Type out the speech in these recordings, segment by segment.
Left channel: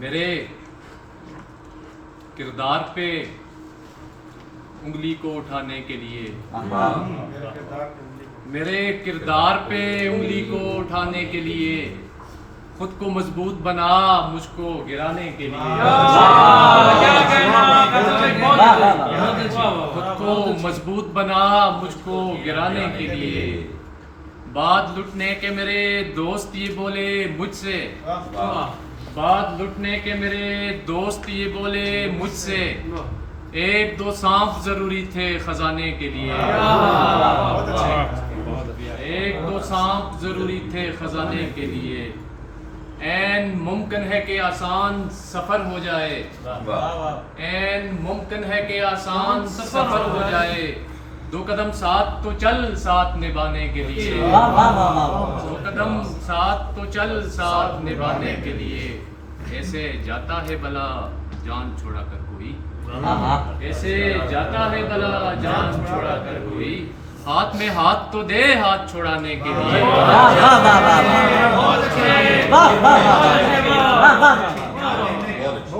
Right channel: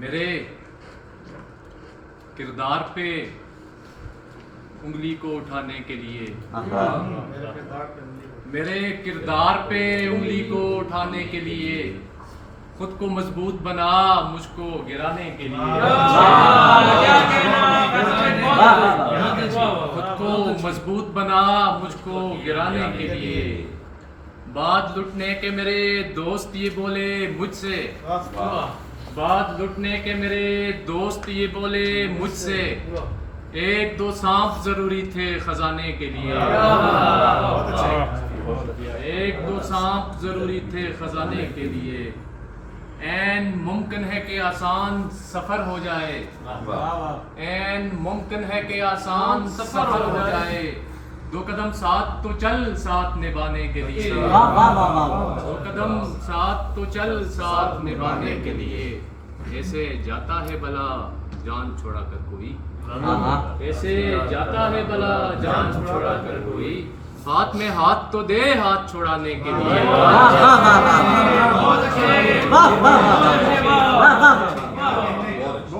میرے کردار پہ انگلی کو اٹھانے کے لیے، میرے کردار پہ انگلی کو اٹھانے کے لیے، خود کو مضبوط بنا مجھ کو گرانے کے لیے، خود کو مضبوط بنا مجھ کو گرانے کے لیے، بات لٹنے کے میرے دوست یہ بولے مجھ سے، بات لٹنے کے میرے دوست یہ بولے مجھ سے، ایک دو سانپ ضروری تھے خزانے کے لیے، ایک دو سانپ ضروری تھے خزانے کے لیے، این ممکن ہے کہ آسان سفر ہو جائے، این ممکن ہے کہ آسان سفر ہو جائے، دو قدم ساتھ تو چل ساتھ نبھانے کے لیے، دو قدم ساتھ تو چل ساتھ نبھانے کے لیے، ایسے جاتا ہے بلا جان چھوڑا کر کوئی، ایسے جاتا ہے بلا جان چھوڑا کر کوئی، ہاتھ میں ہاتھ تو دے ہاتھ چھوڑانے کے لیے،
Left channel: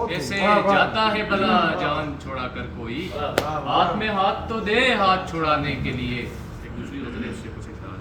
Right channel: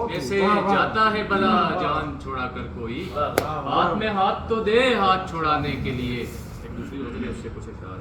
ایسے جاتا ہے بلا جان چھوڑا کر کوئی، ہاتھ میں ہاتھ تو دے ہاتھ چھوڑانے کے لیے، ایک دوسری سے پوچھے